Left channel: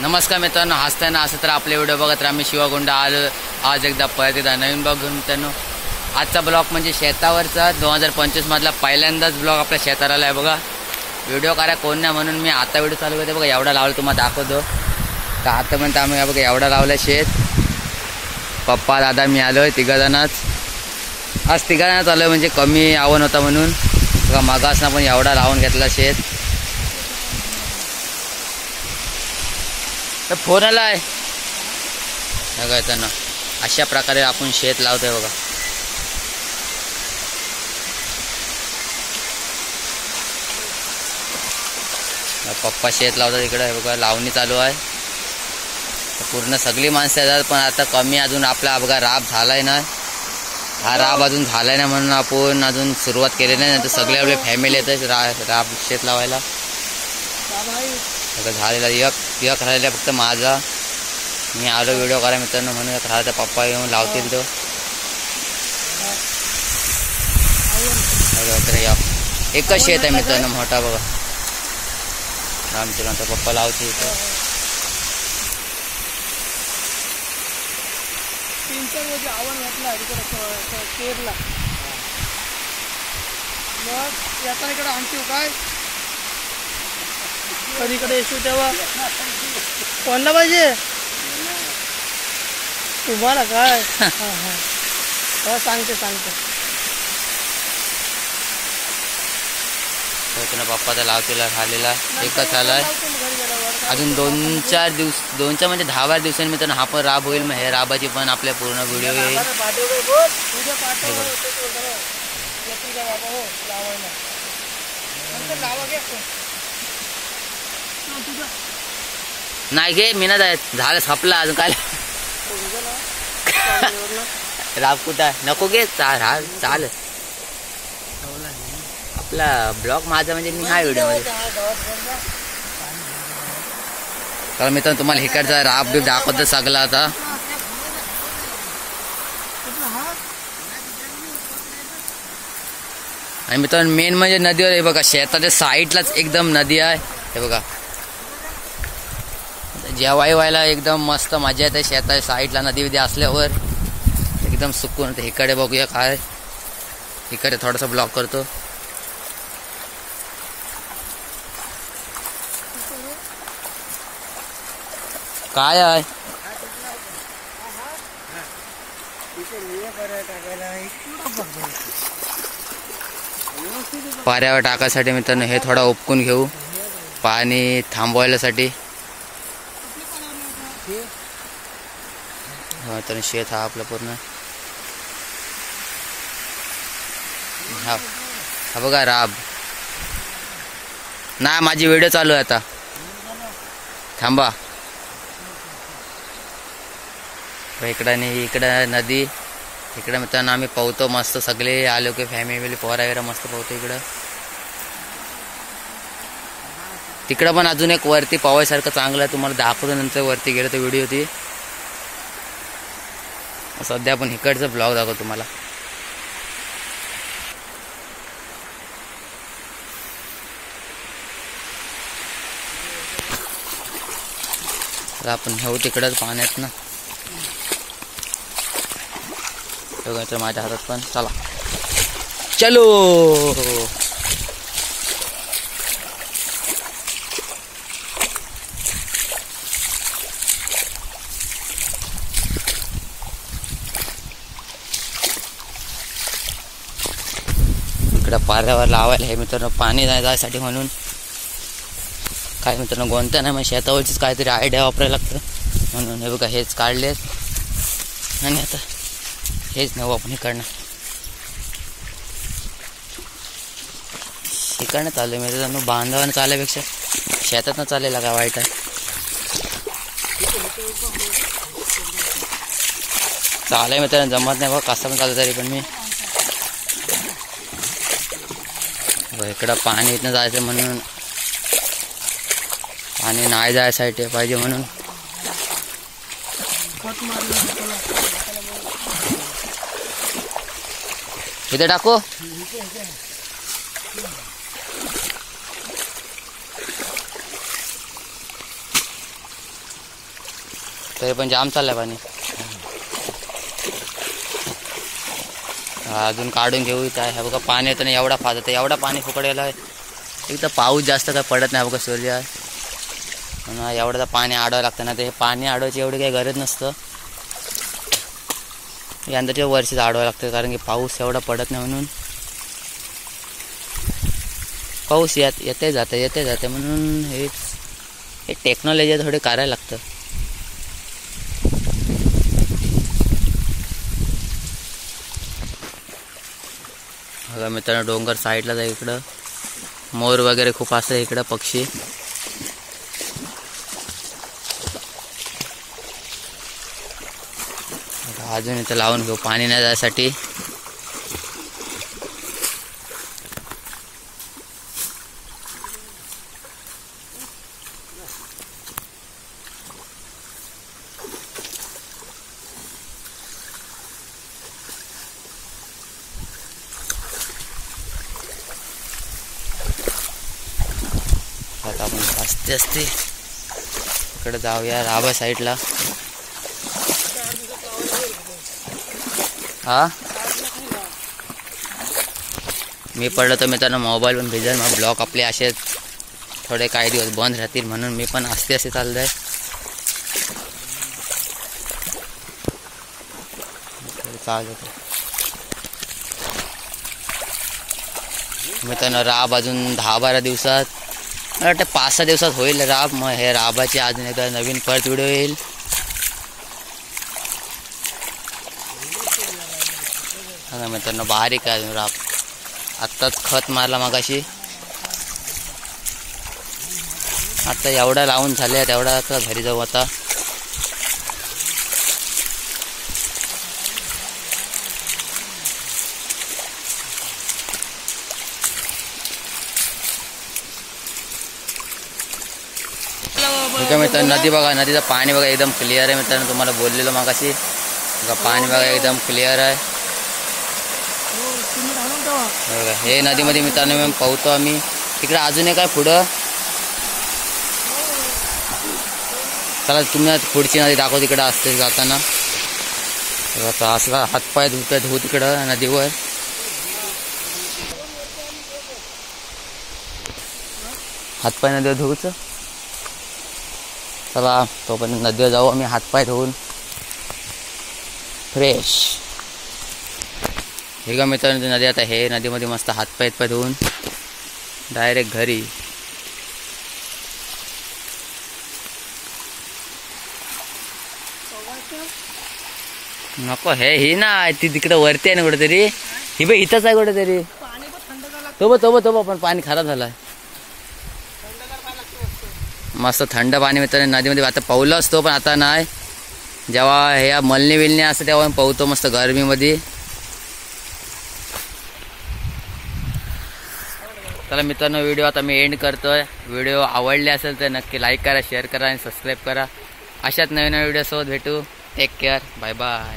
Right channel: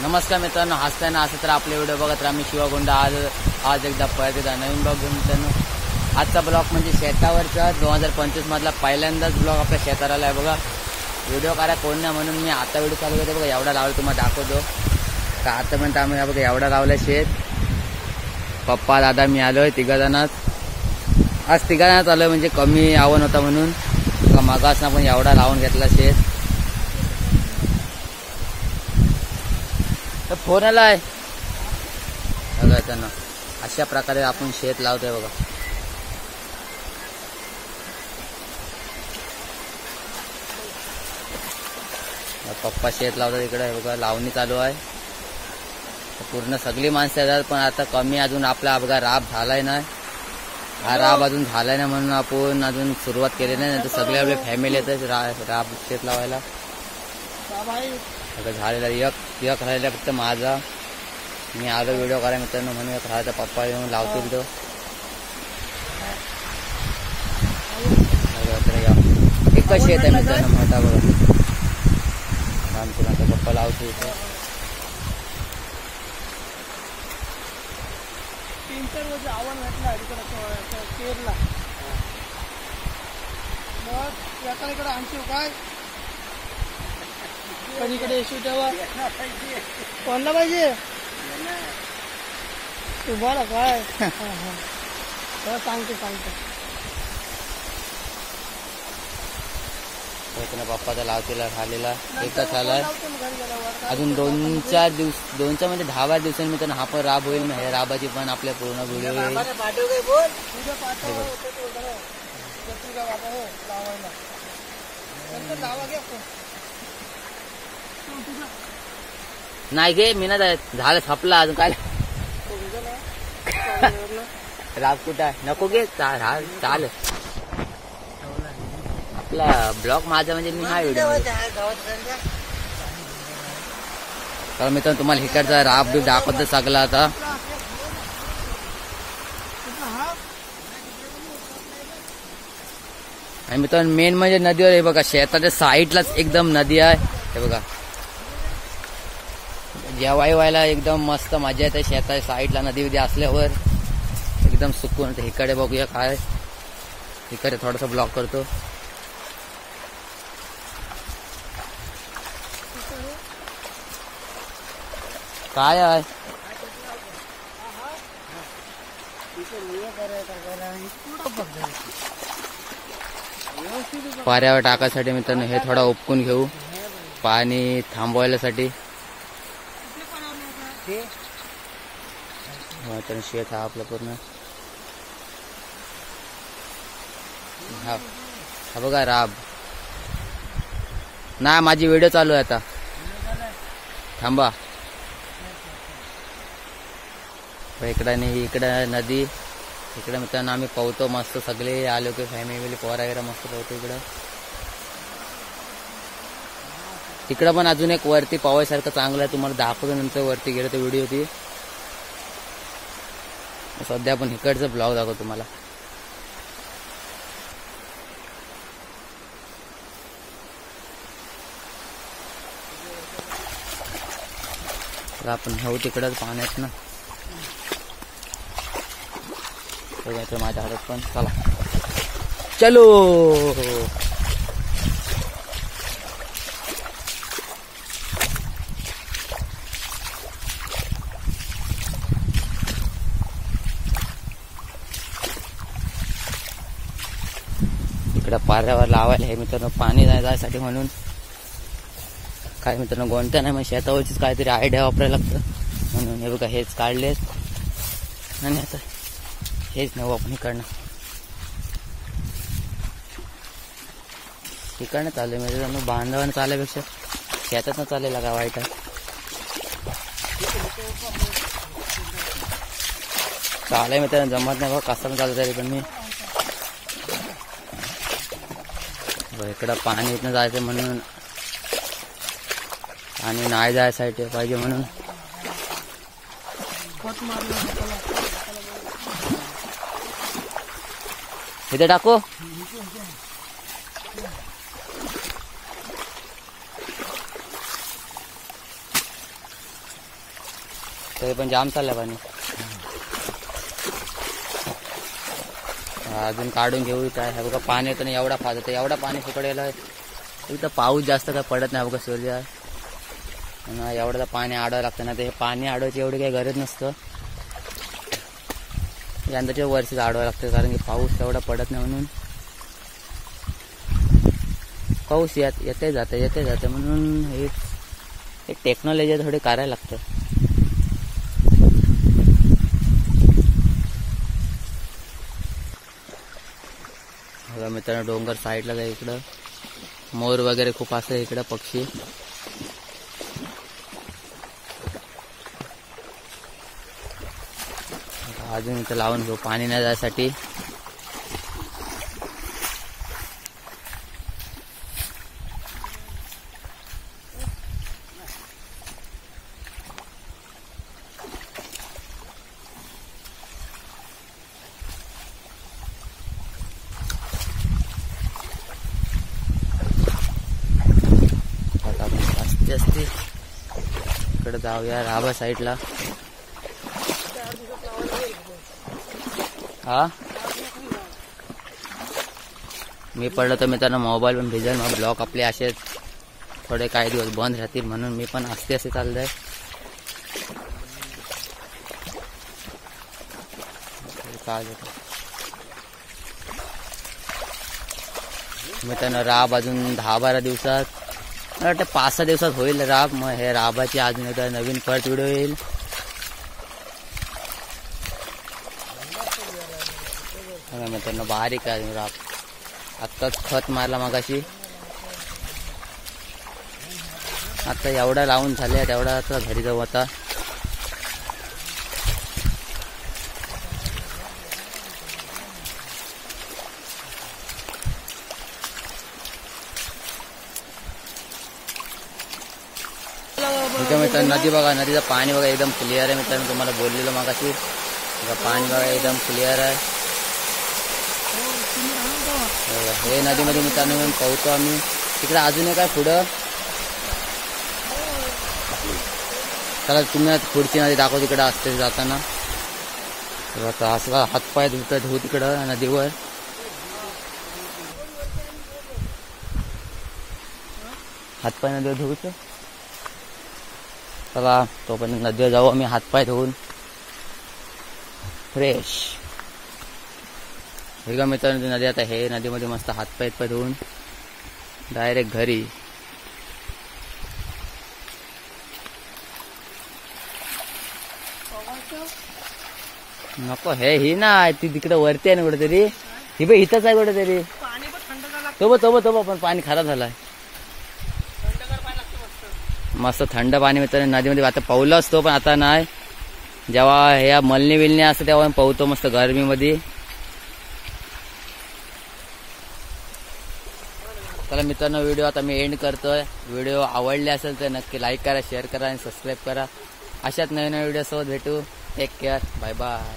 नमस्कार मित्रांनो, हसताना असं तर आपले व्हिडिओ बघत राहा. मी शिवागुंडा आज एकदा परत एकदा नवीन ब्लॉग घेऊन मित्रांनो. आजचा ब्लॉग म्हणजे शेतावरचा 2025 मधला पहिल्यांदाच ब्लॉग आपल्या शेताला आहे बघा. व्हिडिओ करा कोण नाही म्हणून मी आता व्हिडिओ चालू करते बघा. एवढा लावलं तुम्हाला दाखवतो. तर आतापर्यंत आम्ही बघा एवढा लावलं शेत. पप्पा दादा मी आलोय तिघजणच. आज तिघजणच आलोय म्हणजे कमी आवड होता म्हणून बघा. मागासना पण एवढा लावून घेतला शेत. तर फोन आलाय बघा. त्यांना अशा प्रकारे आपण शेत लावतोय बघा. पप्पा शेत लावतात इकडे बघा. लावणी चालू आहे. पूर्ण सगळी माणसं येतात पण आता कमी अजून आपला बघा राब झालाय ना. हा राब अजून झालाय ना म्हणून आपण अजून सुरुवात केली नाही. तर सगळे आपले फॅमिली येतात राब शेत लावायला. झालेला एक राहिला फक्त माझा. मी आलो व्हिडिओ करा मित्रांनो म्हणून एक राहिला. पप्पा येऊन लावतील तो. एकच शेत आहे मित्रांनो मोठा बघा. रामचंद्र पप्पा लावतील इथं. कधीकडे येशू तेव्हा कोणला पाहिजे तुम्हाला काय सांगते पप्पाचा लावतीला झालेला एकच झालाय. अजून 2-4 म्हणजे 10-12 दिवसांनी मित्रांनो हा पण राब होईल. मग हे राबाची पण आपल्या पूर्ण व्हिडिओ येईल. नाही घे मी ना झालं संपला अजून काय. राब कुठं नको घे. चाल आपला ब्लॉग माझा म्हणजे मी हा व्हिडिओ मध्ये. तर मित्रांनो तुम्हाला इकडचा राब बीब दाखवतो सगळा आता. आणि मित्रांनो मेन म्हणजे नदीवर हे बघा. शेताच्या साईडलाच एकदम नदी आहे हे बघा. जेवाय व्हायला एकदम मस्त मजा येते. शेताच्या साईडला नदी विधी असल्यावर एकदम सुकून होते. इकडे बघूया काय. इकडे थोडासा ब्लॉग करतो. काय आहे पाऱ्यावर टाकायसाठी मित्रांनो हे थोडा उपकून घेऊ पाणी थांबवायसाठी. तर शेत हा आपला पूर्ण. हा बघा राब. ना माझी व्हिडिओ चालू आहे आता. थांबा. इकडं नदी. इकडे मित्रांनो आम्ही पोहतो मस्त. सगळे आलो की फॅमिली पोरा मस्त पोहतो इकडं. तिकडं पण अजून एक वरती पोहायसारखं चांगलं आहे. तुम्हाला दाखवतो नंतर वरती गेलो तर व्हिडिओ ती. सध्या आपण इकडचं ब्लॉग दाखवतो तुम्हाला. आपण घेऊ तिकडंच पाण्यात ना. तर माझ्या हातात पण चला चलो. इकडं पाऱ्यावर लावायला हे मित्रांनो पाणी जायसाठी म्हणून काय मित्रांनो कोणत्या नाही मग शेतावरचीच काहीतरी आयडिया वापरायला लागतं म्हणून. हे बघा हेच काढलेत आणि आता हेच नवं आपण इकडनं चालू मित्रांनो. बांधावानं चालल्यापेक्षा शेतातनं चालायला काय वाईट आहे. चालाय मित्रांनो जमत नाही बघा कसं पण चालतं तरी पण मी. इकडं पाणी इथनं जायचं म्हणून पाणी नाही जायसाठी पाहिजे म्हणून इथे टाकू. तरी पण जाम चाललंय पाणी. अजून काढून घेऊ इथं आहे बघा. पाणी येतं ना एवढा फास्ट होतं, एवढा पाणी फुकडेला. एक तर पाऊस जास्त काय पडत नाही बघा सूर्य, एवढं पाणी अडवावं लागतं ना. ते पाणी अडवायची एवढी काही गरज नसतं, यंदाच्या वर्षीच अडवावं लागतं कारण की पाऊस एवढा पडत नाही म्हणून. पाऊस येते जाते म्हणून हे टेक्नॉलॉजी थोडी करायला लागतं. बघा मित्रांनो डोंगर साईडला जाय, इकडं मोर वगैरे खूप असतं, इकडं पक्षी. अजून इथं लावून घेऊ पाणी नाही जायसाठी. आता आपण असते इकडे जाऊया राबा साईडला. हा मी पडलं तर मित्रांनो मोबाईल पण भिजल, मग ब्लॉग आपले असे थोडे काही दिवस बंद राहतील म्हणून मी पण असते चाललंय. मित्रांनो राब अजून 10-12 दिवसात, मला वाटतं 5-6 दिवसात होईल राब. मग हे राबाची अजून एकदा नवीन परत व्हिडिओ येईल. हा मित्रांनो बारीक आहे राब, आत्ताच खत मारला मगाशी. आता एवढा लावून झाले, तेवढा आता घरी जाऊ आता. ठीक आहे मित्रांनो, नदी बघा, नदीचं पाणी बघा एकदम क्लिअर आहे मित्रांनो. तुम्हाला बोललेलो मगाशी बघा, पाणी बघा एकदम क्लिअर आहे बघा. हे नदीमध्ये मित्रांनो मी पोहतो आम्ही. तिकडे अजून एक आहे पुढं, चला तुम्ही पुढची नदी दाखव. तिकडं असते जाताना आता असं हातपाय धुत तिकडं नदीवर. हातपाय नदीवर धुवचं. चला तोपर्यंत नदीवर जाऊ आम्ही हातपाय धुवून फ्रेश. हे का मित्रांनो नदी, आता हे नदीमध्ये मस्त हातपाय धुवून डायरेक्ट घरी. नको हे ही ना ती तिकडे वरती आहे ना कुठेतरी, ही बाई इथंच आहे कुठेतरी. तो पण पाणी खराब झालाय. मस्त थंड पाणी मित्रांनो नदीमध्ये. आता पावलं असतो पण आता नाही, जेव्हा हे मलनी विलनी असतं तेव्हा पावतो मस्त गरमीमध्ये. चला मित्रांनो व्हिडिओ आता मी एंड करतोय. व्हिडिओ आवडले असेल तर नक्की लाईक करा, शेअर करा आणि सबस्क्राईब करा. अशाच नवीन व्हिडिओ सोबत भेटू. Take care, bye bye.